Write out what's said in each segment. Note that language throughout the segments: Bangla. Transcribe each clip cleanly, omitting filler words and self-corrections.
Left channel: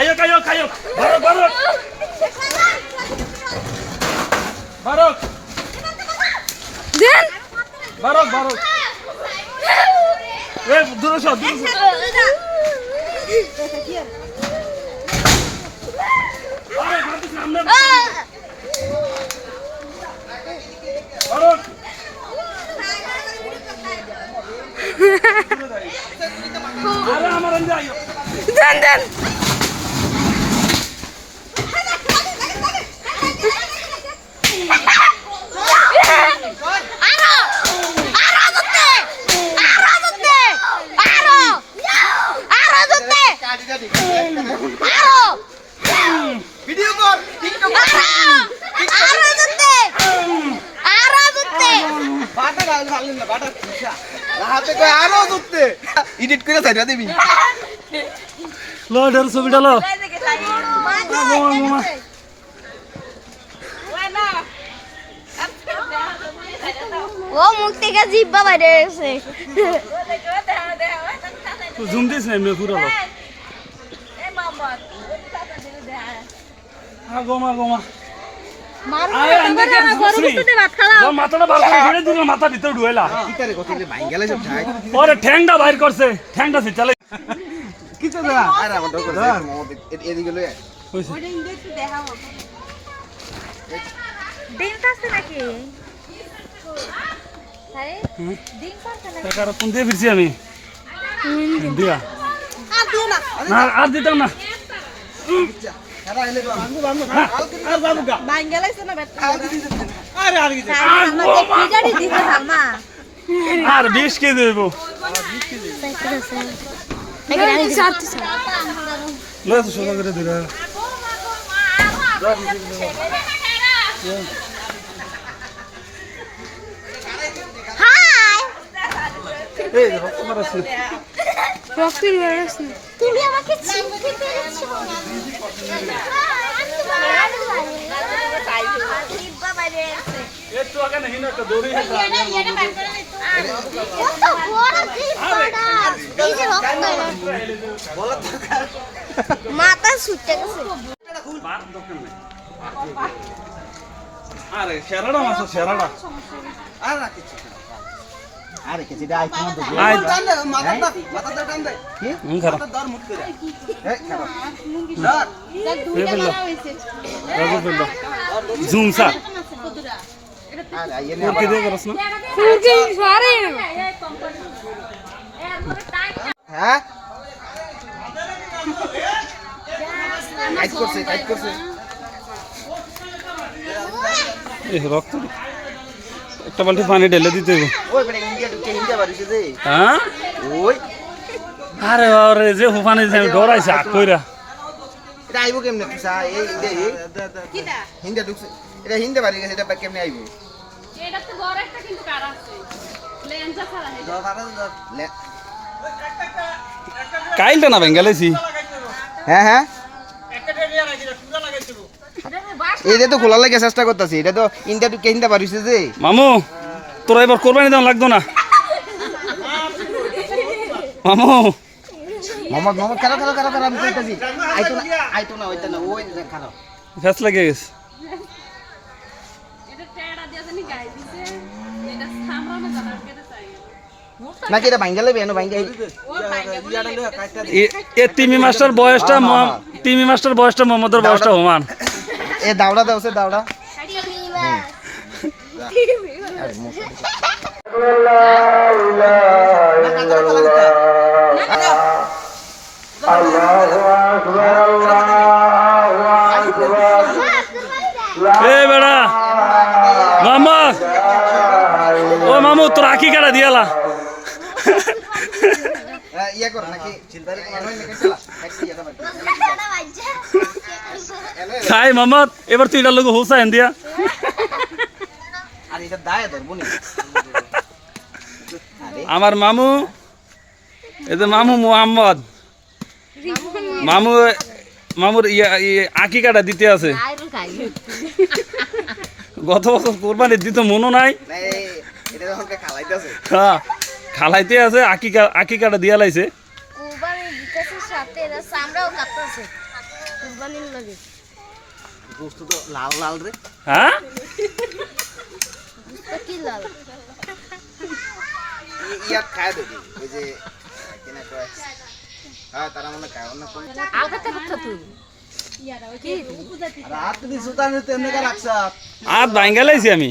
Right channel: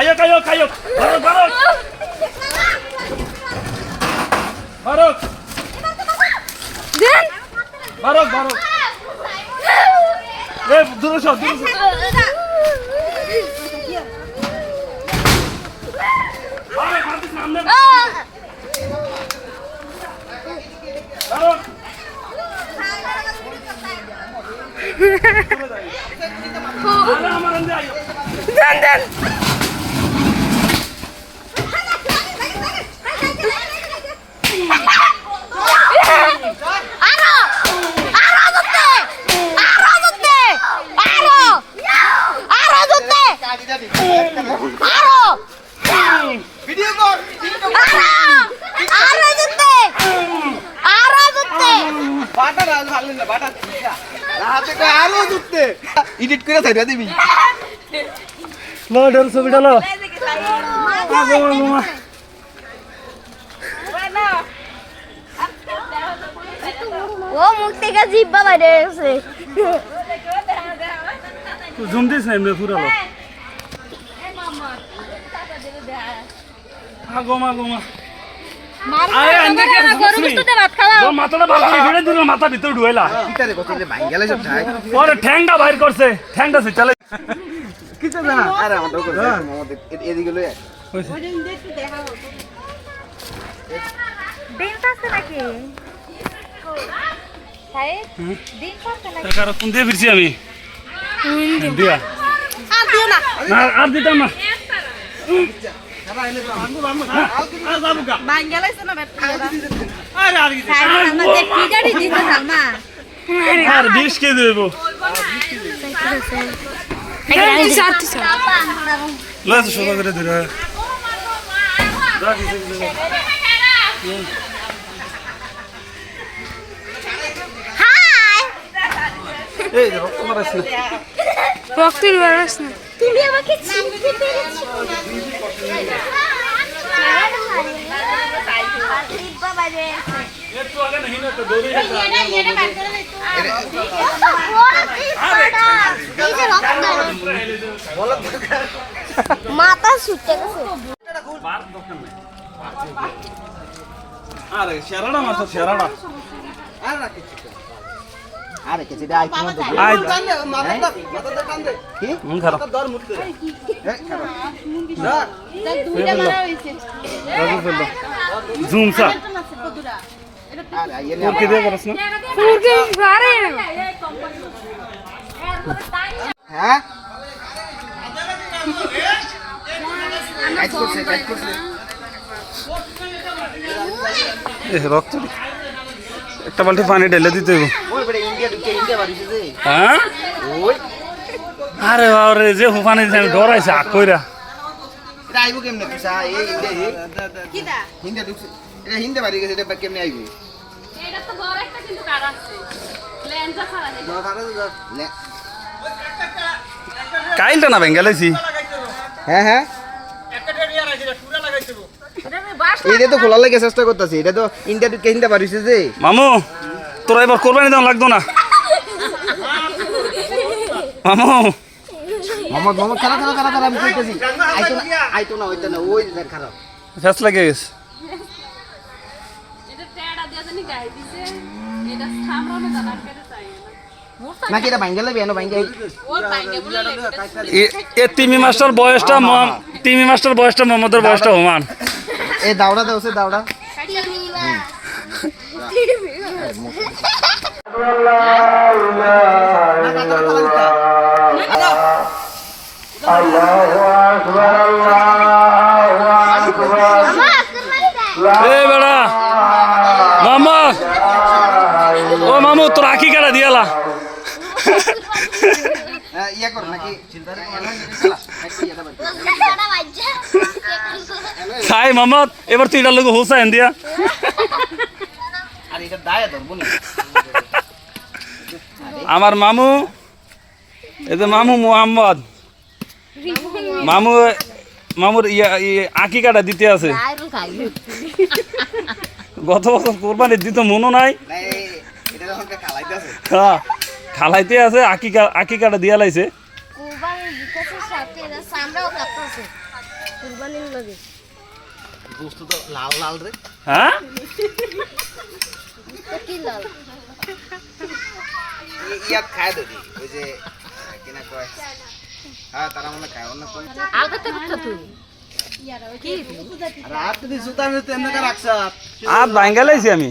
Ayo kayo. Barok. Barok. Den. Barok. Duro shot. Barok. Ada আমার আন্দাজ আইও Den. ভিডিও কর বাটা রাজ ভালো না বাটা রাতে কো আরো দুতে এডিট করে ছাইরা দিবি লো ডর ছবিটা লো মামা ও মুখ থেকে জিব্বা বাইরে গেছে জুম দিস না এমনি পুরো লো গোমা আরে আন্ডে কে মাথাটা বার করে ফেলে দিল মাথা ভিতর ঢুইলা ভিতরে কত যে ভাই গেলে সব যায় পরে ঠ্যাংটা বাইর করছে ঠ্যাংটা ফিটালে কিছু না আরে আমার দোকান আমাদের এদিকে লয়ে দিন পাচ্ছে নাকি টাকা কোন দিয়ে ফিরছি আমি দিয়া আর দিও না আর দিতাম না সারা আইলে তো আর যাবো গা বাঙ্গালাইছে না বেটা আরে আর কি আমাদের পিটারি দিতে সালমা আর ডিশ কে দেবো লস সোজা করে দিরা হাই এই রক্ত মারাছ না রক্তের বেরোস না তুমি আমাকে চিনতে পেরেছো একটু আগে नहीं ना तो দৌড়ে মাথা ছুটে গেছে আরে শেরাড়া মাছ শেরাড়া আর না কিছু আরে কিছু দে আইতো মত আই মাথা টান দে কি ধরো মাথা দর মুত করে ডাক রাজু ফেললো জুম সা আরে আইলে কি দিয়ে করছ না ফুরকে বারে হ্যাঁ কাজ করছে এ রক্ত একটা বালতি পানি ঢেলে দিতে হইব ওই বড় ইন্ডিয়া ঢুকে ইন্ডিয়া বাড়িছে যে হ্যাঁ ওই আরে বাবারে যে পানি আমি ডরাইছে আক কইরা এটা আইবো কেমনে পিসা এই ইন্ডিয়া কিটা ইন্ডিয়া ঢুকছে এটা হিন্দে বাড়ি গেছে এটা কেমনে আইবো এটা তো বড় একটা কিন্তু কার আছে লেন্সা ছাড়া হে কাইলটা না বেঙ্গালাইছি হ্যাঁ এটা তো খোলা লাগে চেষ্টা করতেছি এটা তো ইন্ডিয়া ঢুকে হিন্দে বাড়িছে যে মামু তোরা এবার কোরবানি দেওয়া লাগতো না মামু মামা খেলা আমি কইতেছি আইতো না ওই খারা ফেস লাগে গেছে এটা টেড়া দিয়া জানি গাই দিছে এটা সামরানো জানা কেটে চাই না নাকি এটা ভাঙ্গেলে বেনো ভাঙ্গে ওর বাইরে বলে এ তিমি মাস্টার বয়সটা মোহাম্মদের বয়সটা সমান এ দাওড়া দাওছে দাওড়া এ বেড়া মামা ও মামু তোর আঁকি কাটা দিয়ালা ইয়া কর নাকি চিন্তারে খাই মামা এবার তুই এটার লোক হোসা দিয়া আর এটা দায়া ধরবো নি আমার মামু এই যে মামু মোহাম্মদ মামুর আঁকি কাটা দিতে আছে গত বছর কোরবানির দিতে মনও নাই এটা যখন খালাইতেছে হ্যাঁ খালাইতে আছে আঁকি কাটা দিয়া লাইছে কুরবানির লাগে গোস্ত তো লাল লাল রে হ্যাঁ তো কি লাল ইয়া খায় দিবি ওই যে কিনা কয় হ্যাঁ তারা মনে খায় অন্য কোন আগে তো কথা তুই রাত তুমি সুতা আমি তেমনে কা রাখছা আর বাঙ্গালাইছি আমি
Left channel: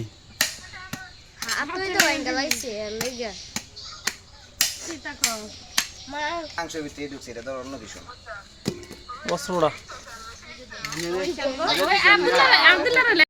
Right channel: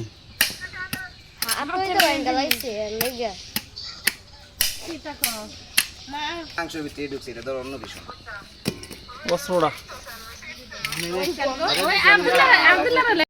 আপনি তো বাঙ্গা লাইছে লেগা মাংস ভিতরে ঢুকছে এটা তো অন্য বিষয় বস্ত্রটা ওই আব্দুল্লাহ